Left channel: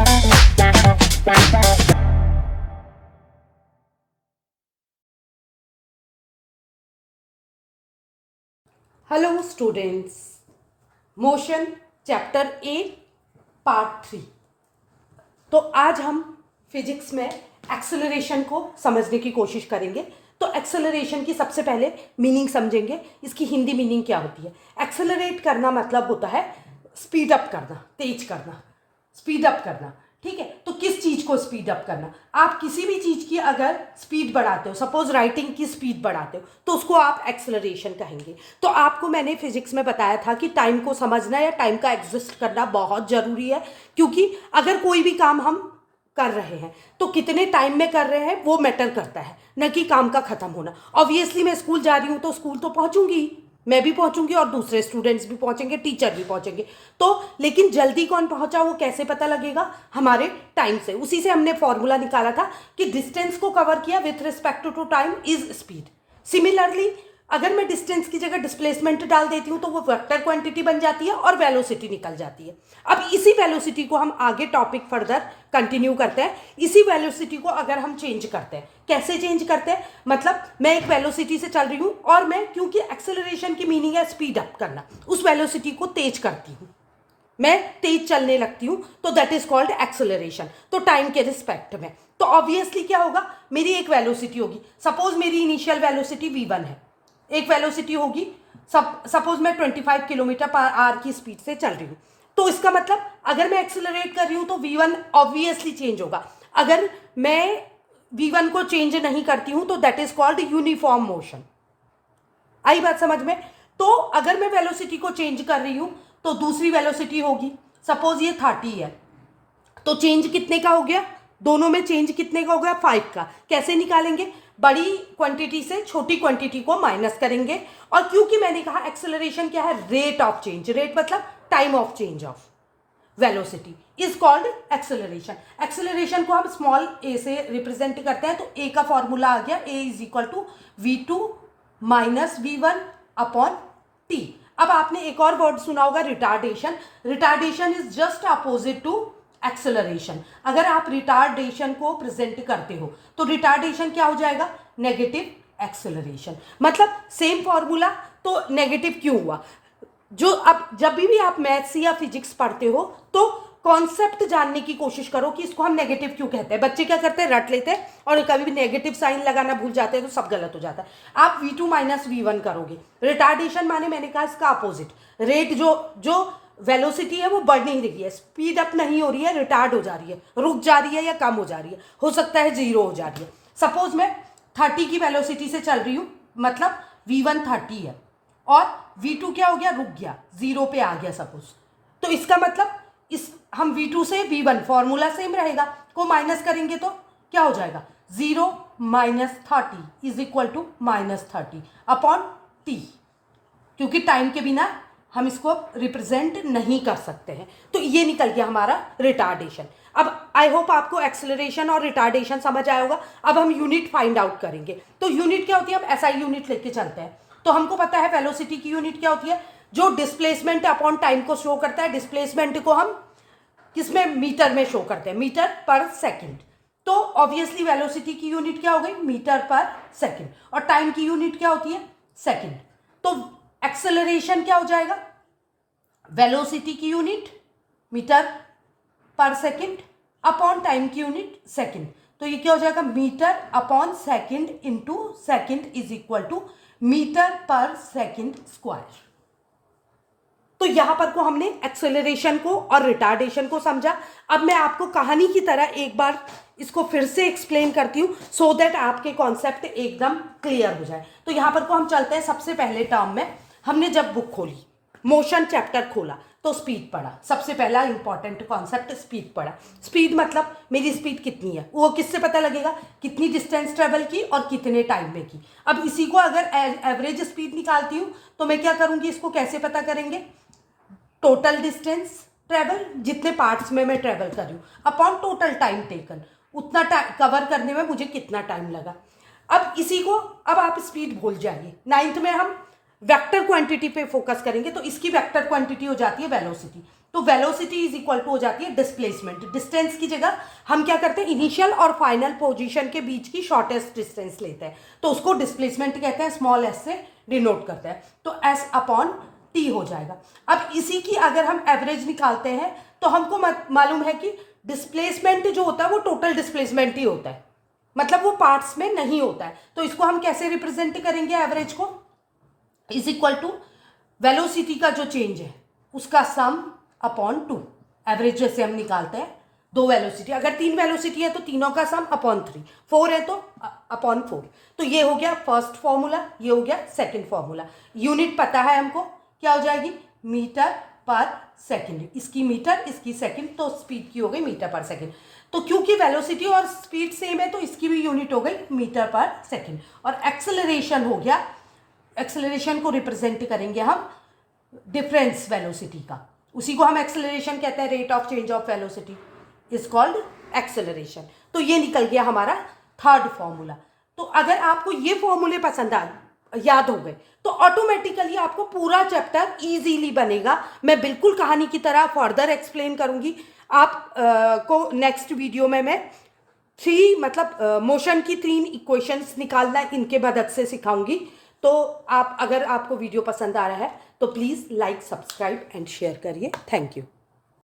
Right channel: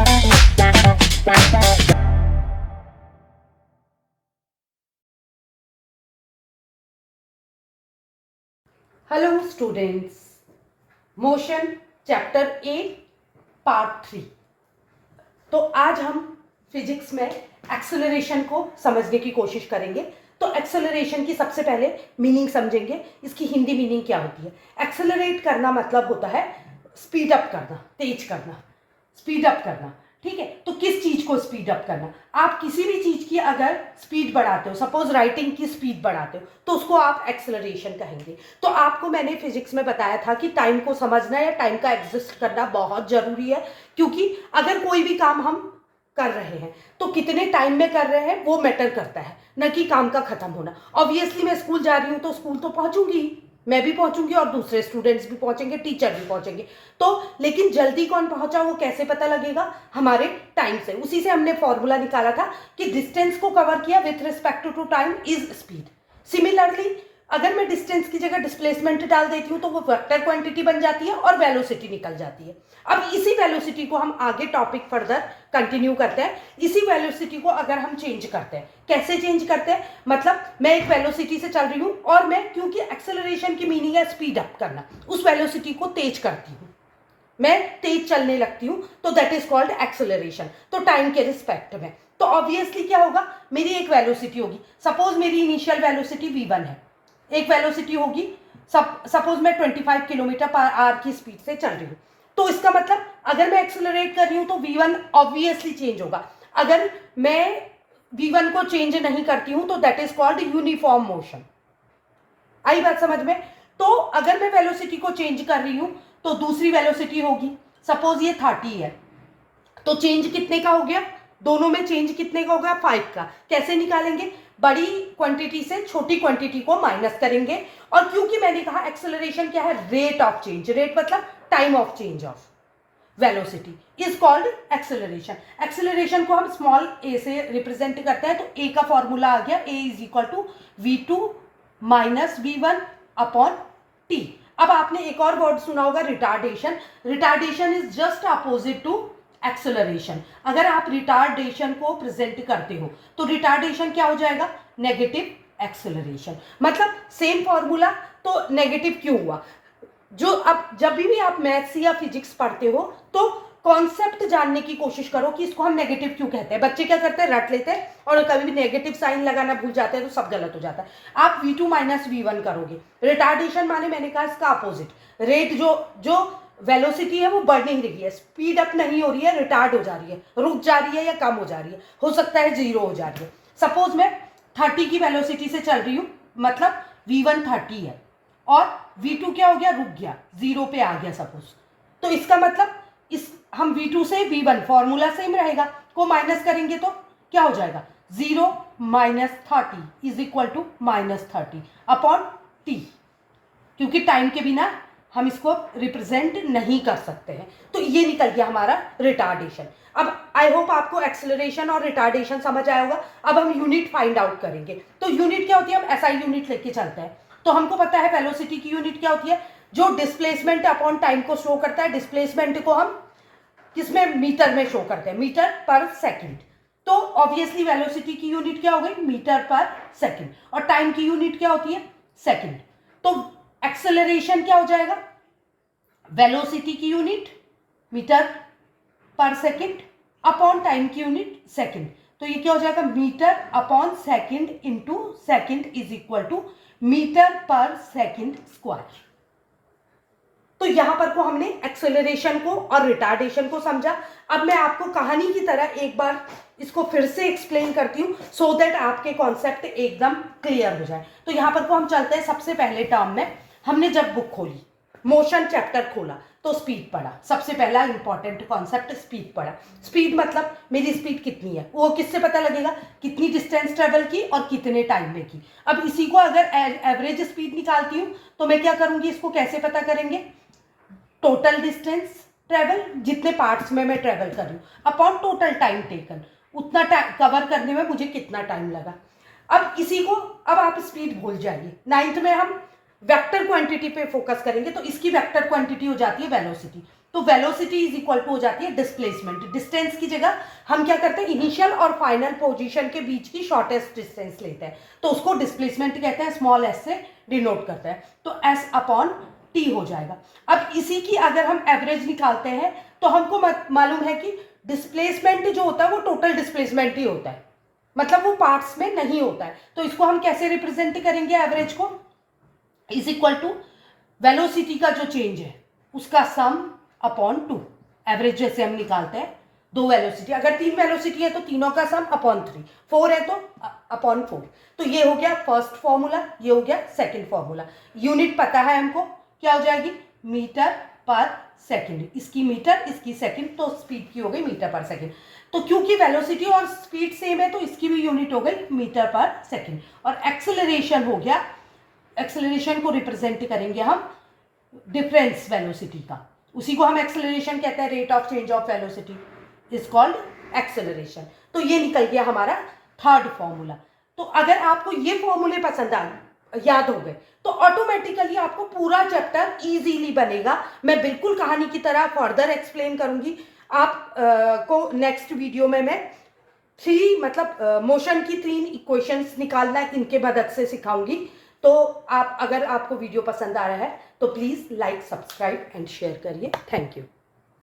Hello students, motion chapter ए part 3। तो आज हम फिजिक्स में एक्सेलरेशन को समझने की कोशिश करेंगे। तो एक्सेलरेशन की सबसे पहले मीनिंग समझेंगे। इसकी हिंदी मीनिंग क्या होती है? एक्सेलरेट करना मतलब होता है स्पीड अप करना, तेज करना, स्पीड अप करना। ठीक है, तो किस चीज को स्पीड अप करना? आप किसी भी चीज की अगर स्पीड बढ़ाते हो, सपोज राइटिंग की स्पीड बढ़ाते हो, तो उसको आप एक्सेलरेशन कहेंगे। तो आपको मैंने फिजिक्स में बताया था कि टाइम को समझना या टाइम का एग्जिस्ट करना बहुत जरूरी है, क्योंकि अगर कोई भी काम हम कर रहे हैं तो कितने टाइम में कर रहे हैं वो मैटर करता है, न कि काम का खत्म होना। ऑब्वियसली मैं स्कूल जा रही हूं तो स्कूल तो पहुंचूंगी, मैं भी पहुंचूंगी और दूसरे स्टूडेंट्स भी पहुंचेंगे, टीचर भी पहुंचेंगे। तो लेकिन जल्दी कौन पहुंचा वो कैसे पता लगेगा? हमारे टाइम से। उसी से हमने फॉर्मूला निकाला था कि डिस्टेंस को कवर किया with respect to time is speed. Similarly अगर मैं डिस्टेंस की जगह डिस्प्लेसमेंट डाल देती हूं तो वो वेक्टर क्वांटिटी बन जाती है और वेलोसिटी निकल जाती है। अब इसी वेलोसिटी को हम आगे टॉपिक फर्दर कंटिन्यू करते हैं। इसी वेलोसिटी को अगर हम चेंज करते हैं, कैसे चेंज करते हैं? मतलब मैं एक वेलोसिटी से चल रही हूं और मैं, क्योंकि एक्सेलरेशन की मीनिंग है स्पीड अप करना, उस वेलोसिटी को तेज करती हूं, मैं तेज चलने लगती हूं, तो दैट इज कॉल्ड एक्सेलरेशन। तो टाइम के रिस्पेक्ट में तो ऑब्वियसली क्या होगा, मेरी एक वेलोसिटी होगी। सपोज मेरी इनिशियल वेलोसिटी v1 है, एक वेलोसिटी होगी, सपोज मैं 25 किलोमीटर पर आवर की स्पीड से चल रही हूं। तो इसका मतलब अगर मैं एक्सेलरेट कर रही हूं तो v1 ऑब्वियसली चेंज होगा। अगर मैं v1 को चेंज नहीं करती हूं तो that is called uniform motion. आई बात समझ में? तो अगर मैं वेलोसिटी को चेंज कर रही हूं तो दूसरी वेलोसिटी होगी, सपोज ये 30 है, तो चेंज कितने का हो गया? दोनों में चेंज कितने का हो गया? 5 का। कैसे निकालेंगे? बड़ी क्वांटिटी से छोटी क्वांटिटी को माइनस करेंगे। और क्योंकि मैंने कहा एक्सेलरेशन क्या है? Rate of change. रेट मतलब time of change of velocity is called acceleration. Acceleration को हम स्मॉल ए से रिप्रेजेंट करते हैं। तो ए का फॉर्मूला आ गया, a is equal to v2 minus v1 upon T. अब आपने एक और वर्ड सुना होगा, retardation. Retardation is just opposite to acceleration. अगर आप रिटार्डेशन को प्रेजेंट करते हो तो रिटार्डेशन क्या हो जाएगा? Negative acceleration. मतलब सेम फॉर्मूला, तो नेगेटिव क्यों हुआ? जो अब जब भी आप मैथ्स या फिजिक्स पढ़ते हो तो कॉन्सेप्ट जानने की कोशिश करो कि इसको हम नेगेटिव क्यों कहते हैं। बच्चे क्या करते हैं? रट लेते हैं और कभी भी नेगेटिव साइन लगाना भूल जाते हैं तो सब गलत हो जाता है। आप v2 माइनस v1 करोगे। रिटार्डेशन माने मैंने कहा इसका अपोजिट। रेट जो वेलोसिटी है वो बढ़ नहीं रही है, स्पीड अप नहीं हो रही है, रिटार्ड हो जा रही है, रुक जा रही है या कम हो जा रही है, हो सकता है 0 हो जा रही है। सपोज मैं 30 की वेलोसिटी से चल रही हूं, मतलब v1 30 है और v2 क्या हो गया? रुक गया, 0 पे आ गया सपोज। तो इसका मतलब इस हम v2 से v1 फॉर्मूला सेम रहेगा, को माइनस करेंगे तो क्या हो जाएगा? 0 minus 30 is equal to minus 30 upon T, क्योंकि टाइम के बिना हम इसको रिप्रेजेंट नहीं कर सकते हैं। तो ये निकल गया हमारा रिटार्डेशन। अब आई होप आपको एक्सेलरेशन और रिटार्डेशन समझ आया होगा। अब हम यूनिट फाइंड आउट करेंगे। तो यूनिट क्या होती है? अब एसआई यूनिट लेके चलते हैं। तो हमको पता है वेलोसिटी की यूनिट क्या होती है? जो डिस्प्लेसमेंट अपॉन टाइम को शो करता है। डिस्प्लेसमेंट को हम किसमें? मीटर में शो करते हैं, मीटर पर सेकंड। तो ऑब्वियसली वेलोसिटी की यूनिट क्या हो गई? Metre per second. और टाइम की यूनिट क्या होती है? सेकंड। तो एक्सेलरेशन क्या हो जाएगा? वेलोसिटी की unit metre per second upon time की यूनिट सेकंड। तो ये क्या हो जाएगा? Metre upon second into second is equal to metre per second square. तो यहां पर को हमने एक्सेलरेशन को और रिटार्डेशन को समझा। अब मैं आपको कहानी की तरह एक बार इसको फिर से एक्सप्लेन करती हूं सो दैट आपके कॉन्सेप्ट एकदम क्लियर हो जाए। तो यहां पर को हम चलते हैं सबसे पहले टर्म में। हमने जब बुक खोली, मोशन चैप्टर खोला, तो स्पीड पढ़ा। सबसे पहला इंपॉर्टेंट कॉन्सेप्ट स्पीड पढ़ा। स्पीड मतलब मेरी स्पीड कितनी है, वो किससे पता लगेगा? कितनी डिस्टेंस ट्रेवल की और कितने टाइम में की। अब इसी को अगर एवरेज स्पीड निकालती हूं तो मैं क्या करूंगी? इसको कैसे पता करेंगे? टोटल डिस्टेंस ट्रेवल, जितने पार्ट्स में मैं ट्रेवल कर रही हूँ, अपॉन टोटल टाइम टेकन, उतना कवर करने में मुझे कितना टाइम लगा। अब इसी को, अब आप स्पीड भूल जाइए। 9th में हम वेक्टर क्वांटिटी पे फोकस करेंगे, तो इसकी वेक्टर क्वांटिटी हो जाती है वेलोसिटी। तो वेलोसिटी इज इक्वल टू हो जाती है डिस्प्लेसमेंट। डिस्टेंस की जगह हम क्या करते हैं, इनिशियल और फाइनल पोजीशन के बीच की शॉर्टेस्ट डिस्टेंस लेते हैं, तो उसको डिस्प्लेसमेंट कहते हैं, स्मॉल एस से डिनोट करते हैं, तो एस अपॉन टी हो जाएगा। अब इसी की अगर हम एवरेज निकालते हैं तो हमको मालूम है कि डिस्प्लेसमेंट जो होता है वो टोटल डिस्प्लेसमेंट ही होता है, मतलब वो पार्ट्स में नहीं होता है। तो इसको हम कैसे रिप्रेजेंट करेंगे, एवरेज को इज इक्वल टू वेलोसिटी का जो चेंज है उसका सम अपॉन 2। एवरेज जैसे हम निकालते हैं, 2 वेलोसिटी, अगर 3 वेलोसिटी है तो तीनों का सम अपॉन 3, 4 है तो अपॉन 4। तो ये हो गया फर्स्ट फॉर्मूला, ये हो गया सेकंड फॉर्मूला। यूनिट पता है हमको, क्या हो जाएगी, मीटर पर सेकंड, इसकी मीटर इसकी सेकंड, तो स्पीड की हो गई मीटर पर सेकंड। तो क्योंकि वेलोसिटी और स्पीड सेम है तो इसकी भी यूनिट हो गई मीटर पर सेकंड। और एक्सेलरेशन हो गया, एक्सेलरेशन को रिप्रेजेंट करेंगे हम डिफरेंस वेलोसिटी का, उसी को हम एक्सेलरेशन कहते हैं, rate of change of velocity is called acceleration. तो ये निकल गया हमारा थर्ड फॉर्मूला। तो अगर आपको ये फॉर्मूले पसंद आ याद हो गए तो ऑटोमेटिकली आपको पूरा चैप्टर इजीली बनेगा। मैं बिल्कुल कहानी की तरह फर्दर एक्सप्लेन करूंगी आप को नेक्स्ट वीडियो में। मैं 3 मतलब मोशन की 3 इक्वेशंस निकालना इनके मदद से सिखाऊंगी। तो आप अगर आपको वीडियो पसंद आ रहा है तो please like, subscribe and share करिए। Thank you.